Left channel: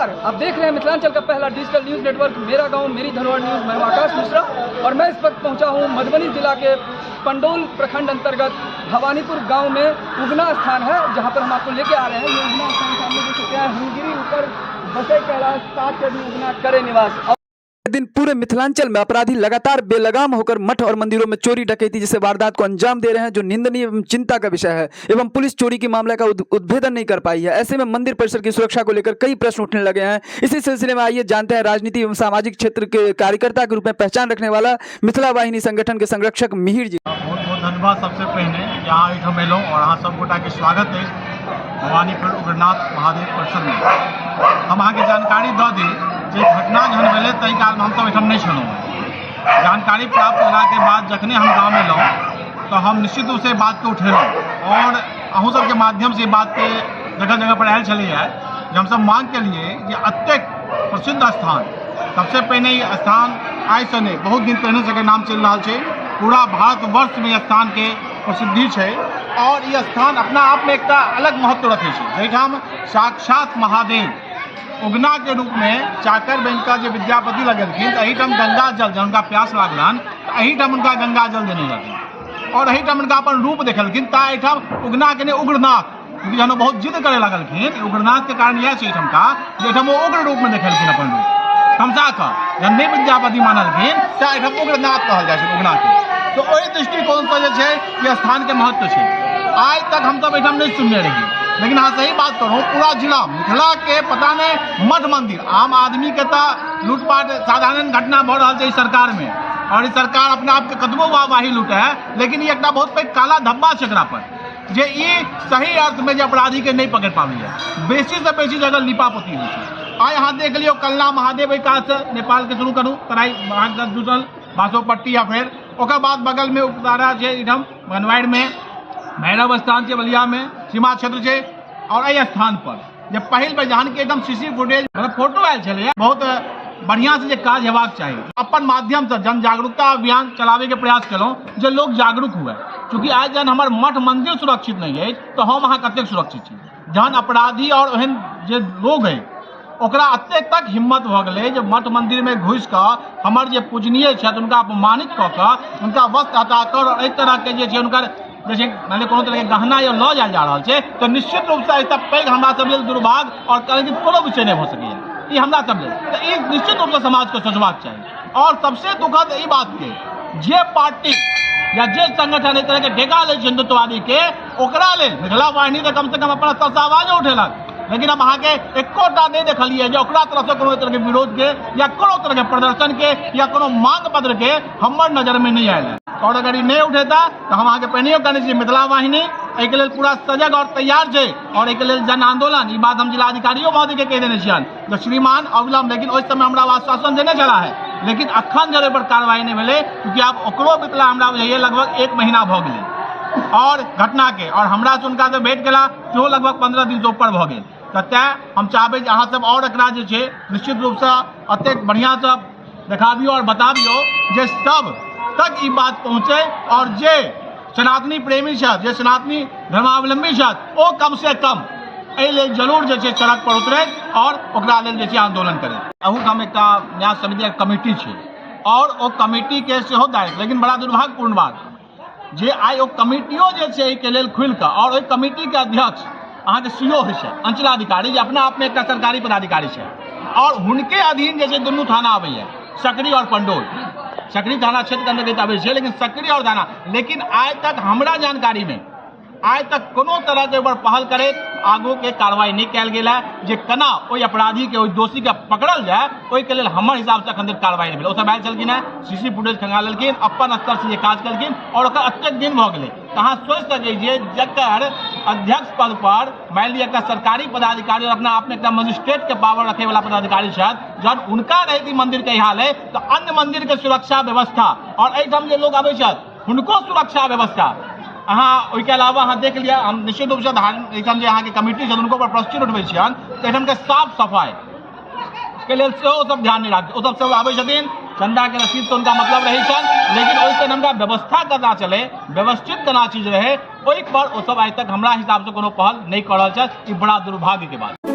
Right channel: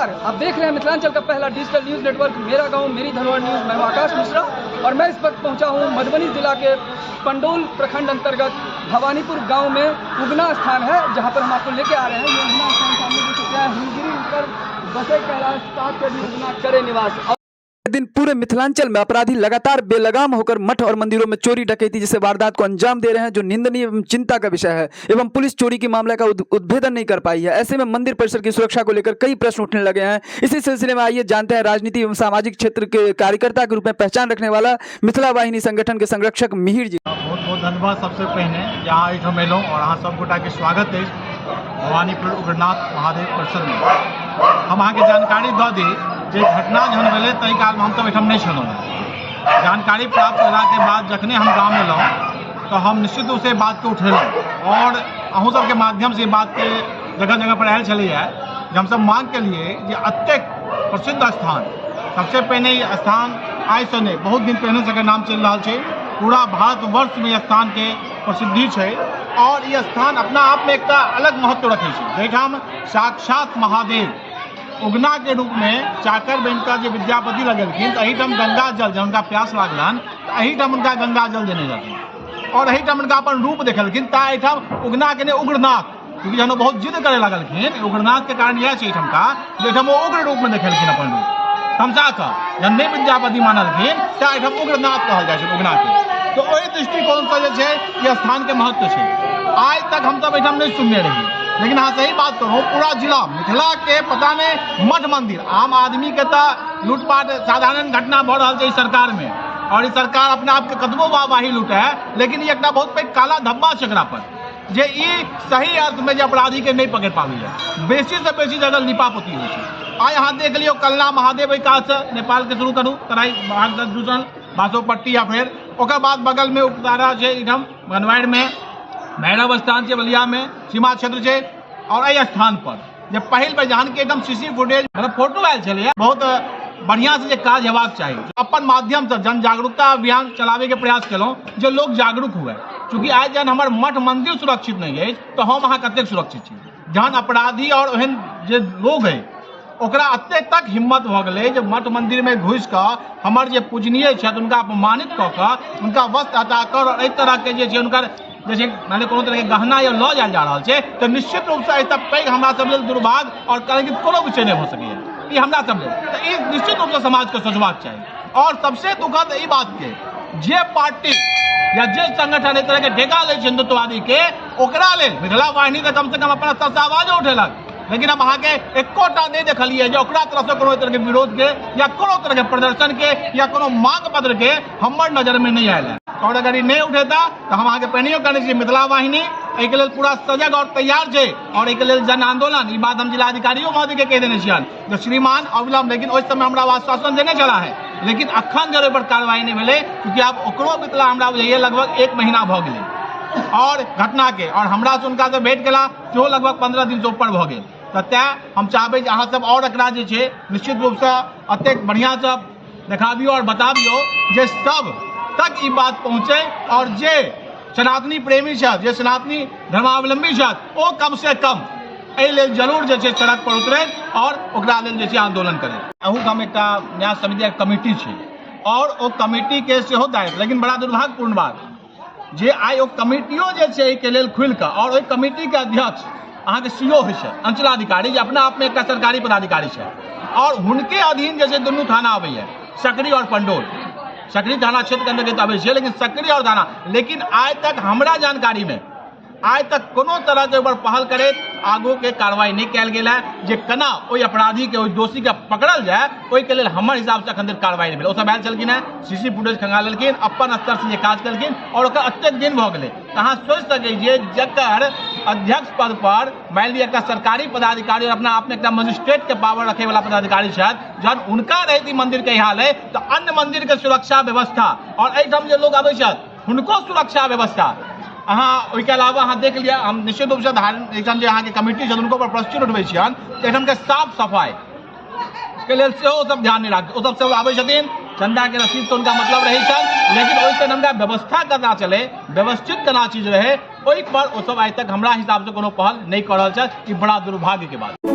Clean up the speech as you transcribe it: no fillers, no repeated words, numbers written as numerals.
नमस्कार, आप देख रहे हैं मिथिलांचल का पहला डिजिटल न्यूज नेटवर्क मेरा गांव मेरी धरोहर न्यूज। मैं हूं आकाश मिश्रा और मैं इस वक्त पहुंचा हूं मधुबनी जिला के पंडोल प्रखंड अंतर्गत भवानीपुर गांव में उगना स्थान है, जहां पर हम आपको लेके आ रहे हैं। ये उगना स्थान सामने देख सकते हैं, हिंदू ऊपर बसे कैलाश सात को भी उगना करे निवास। दिन पूरे मिथिलांचल में अपराधी लगातार बेलगाम होकर मठ और मंदिरों में चोरी डकैती जैसे वारदात को अंजाम दे रहे हैं, जो निंदनीय एवं चिंता का विषय है। एवं पुलिस चोरी के मामले का उद्भेदन नहीं कर पाई है। ऐसे में मंदिर परिसर की सुरक्षा को लेकर कई प्रश्न उठने लगे हैं। इसी सिलसिले में आइए जानते हैं राजनीति एवं सामाजिक क्षेत्र के कार्यकर्ता के रूप में पहचान रखने वाला मिथिला वाहिनी संगठन के संरक्षक मिहिर जी। बहुत बहुत धन्यवाद। सबसे पहले यहाँ एक मेलों और यहाँ सब गोटा के स्वागत है भवानीपुर उग्रनाथ महादेव परिसर में। हम अहाँ के जानकारी दऽ दी जे घटना जहन भेलै ताहि कारण हम एहिठाम नहीं छलहुँ। जानकारी प्राप्त करा के बाद जखने हम गाँव में एलहुँ तो हम निश्चित रूप से बात को उठेलहुँ और अहूँ सबके माध्यम से बात के जगह जगह पर आयल छलैए जे हमसब मांग के लिए जे अत्यक प्रसिद्ध स्थान, सबसे पहले ई स्थान आइ से नहीं बहुत दिन पहले से नाम चल रहा है। पूरा भारतवर्ष में स्थान के प्रसिद्धि है और ये स्थान अपना आप में एक अलग महत्व रखे जैठाम साक्षात महादेव उगना के रूप में चाकर बन का जो विद्यापति लगेलखिन तो अहीठाम गंगा जल जब उनका प्यास लागलन तो अहीठाम उनका गंगा जल देने लगन और अहीठाम उनका अपन रूप देखलखिन ता अहीठाम उगना के उग्रनाथ, क्योंकि जब बहुत जिद करे लगलखिन उग्रनाथ के कारण यह है का जेठाम वो उग्र रूप में देखलखिन अपन रूप तमसा का जब नहीं विद्यापति मानलखिन चाहे अहीठाम उग्रनाथ कहल जाए उगना के। तो वही दृष्टिकोण से यह स्थान के महत्व है। आज तक हम सब अहीठाम नहीं सुनने रही, लेकिन हाँ सही बात करूँ पूरा जिला मिथिला के पता नहीं मठ मंदिर आम आदमी के तो लूटपाट साधारण घटना बढ़ रहा है सरकार में और इस सरकार अपने आप के कतबो वाही लूटे है, लेकिन ये एक बहुत पैघ काला धब्बा है एकरा पर जे ई सही अर्थ में जो अपराधी के नहीं पकड़ पाबी है। बेसी से बेसी जगह लिपापोती हुई है। आज यहाँ देख लियो कलना महादेव काज से नेपाल के शुरू करूँ तराई दूसर बासोपट्टी या फिर ओकर बाद बगल में उतारा है इधम बनवाड़ में भैरव स्थान से बलिया में सीमा क्षेत्र से और अ स्थान पर जब पहल पर जान के एकदम सीसी फुटेज मतलब फोटो आयल चले बहुत बढ़िया से काज हेबाक चाहिए। अपन माध्यम से जन जागरूकता अभियान चलावे के प्रयास केलौं जो लोग जागरूक हुए, क्योंकि आज जन हमार मठ मंदिर सुरक्षित नहीं है तो हम अहाँ कतेक सुरक्षित छी। जहन अपराधी और ओहन जे लोग है ओकरा अत्ते तक हिम्मत भ गए जो मठ मंदिर में घुस कर हमार जे पूजनीय छथि उनका अपमानित कऽ कऽ उनका वस्त्र हटा कर और एहि तरह के जे उनकर जैसे मान कोनो तरह के गहना या लऽ जायल जा रहा है तो निश्चित रूप से ऐसा पैघ हमरा सब लेल दुर्भाग्य और कहे कि कोनो विषय नहीं हो सके ये हमरा सब लेल तो ई निश्चित रूप से समाज को सोचबाक चाहिए। और सबसे दुखद ई बात के जे पार्टी या जे संगठन एक तरह के ठेका ले हिंदुत्ववादी के ओकरा लेल मिथिला वाहिनी तो कम से कम अपना स्तर से आवाज उठेलक, लेकिन हम अहाँ के एकोटा नहीं देखलिए जो ओकरा तरफ से कोनो तरह के विरोध के या कोनो तरह के प्रदर्शन के या कोनो मांग पत्र के हमर नजर में नहीं आयल है। और अगर ये नहीं उठेता तो हम अहाँ के पहनियो करने चाहिए मिथिला वाहिनी एक लेल पूरा सजग और तैयार है और एक लेल जन आंदोलन। ये बात हम जिलाधिकारियों महोदय के कह देने छियन जो श्रीमान अविलंब, लेकिन उस समय हमरा आश्वासन देने चला है, लेकिन अखन जरे पर कार्रवाई नहीं मिले क्योंकि अब ओकरो मिथिला हमरा बुझाइए लगभग 1 महीना भ गेलै और घटना के और हमरा से उनका से भेंट केला सेहो लगभग 15 दिन से ऊपर भ गेल। तो तैं हम चाहबै अहाँ सब और एकरा जे छै निश्चित रूप से अतेक बढ़िया से देखाबियो और बताबियो जे सब तक ई बात पहुँचे और जे सनातनी प्रेमी छथि जे सनातनी धर्मावलंबी छथि ओ कम से कम एहि लेल जरूर जे छै सड़क पर उतरे और ओकरा लेल जे छै आंदोलन करे। अहू हम एक न्याय समिति कमिटी छै और ओ कमिटी के सेहो दायित्व, लेकिन बड़ा दुर्भाग्यपूर्ण बात जे आई ओ कमिटियो जे छै के लेल खुलि कऽ और ओहि कमिटी के अध्यक्ष अहाँ के सीओ होइ छै अंचलाधिकारी जे अपना आप में एक सरकारी पदाधिकारी छै और हुनके अधीन जे छै दुनू थाना आबैया सकरी और पंडोल। सकरी थाना क्षेत्र के अंतर्गत आबै छै लेकिन सकरी और थाना, लेकिन आज तक हमरा जानकारी में आज तक कोनो तरह के ऊपर पहल करे आगू के कार्रवाई नहीं कल गया है जे केना ओहि अपराधी के ओहि दोषी के पकड़ल जाए ओहि के लेल हमर हिसाब से अखन तक कार्रवाई नहीं भेल। ओ सब आयल छलखिन है सीसी फुटेज खंगा लेलखिन अपन स्तर से काज केलखिन और ओकर अत्यक दिन भ गेलै। अहाँ सोचि सकै छियै जकर अध्यक्ष पद पर मान लिअ एकटा सरकारी पदाधिकारी और अपना आपने एकटा मजिस्ट्रेट के पावर रखे वाला पदाधिकारी छथि, जहन उनका रहती मंदिर के हाल है तो अन्य मंदिर के सुरक्षा व्यवस्था और एहिठाम जे लोग आबै छथि हुनको सुरक्षा व्यवस्था अहाँ ओहिके अलावा अहाँ देख लिया हम निश्चित रूप से एहिठाम जे अहाँके कमिटी छथि उनको पर प्रश्न उठबै छियनि तऽ एहिठाम के साफ सफाई के लेल सेहो सब ध्यान नहीं राखते। ओ सब सब आबै छथिन चंदा के रसीद तो उनका मतलब रही छनि, लेकिन ओहिसँ हमरा व्यवस्था केना चले व्यवस्थित केना चीज रहे ओहि पर ओ सब आइ तक हमरा हिसाब से कोनो पहल नहीं कर रहल छथि। ई बड़ा दुर्भाग्य के बात।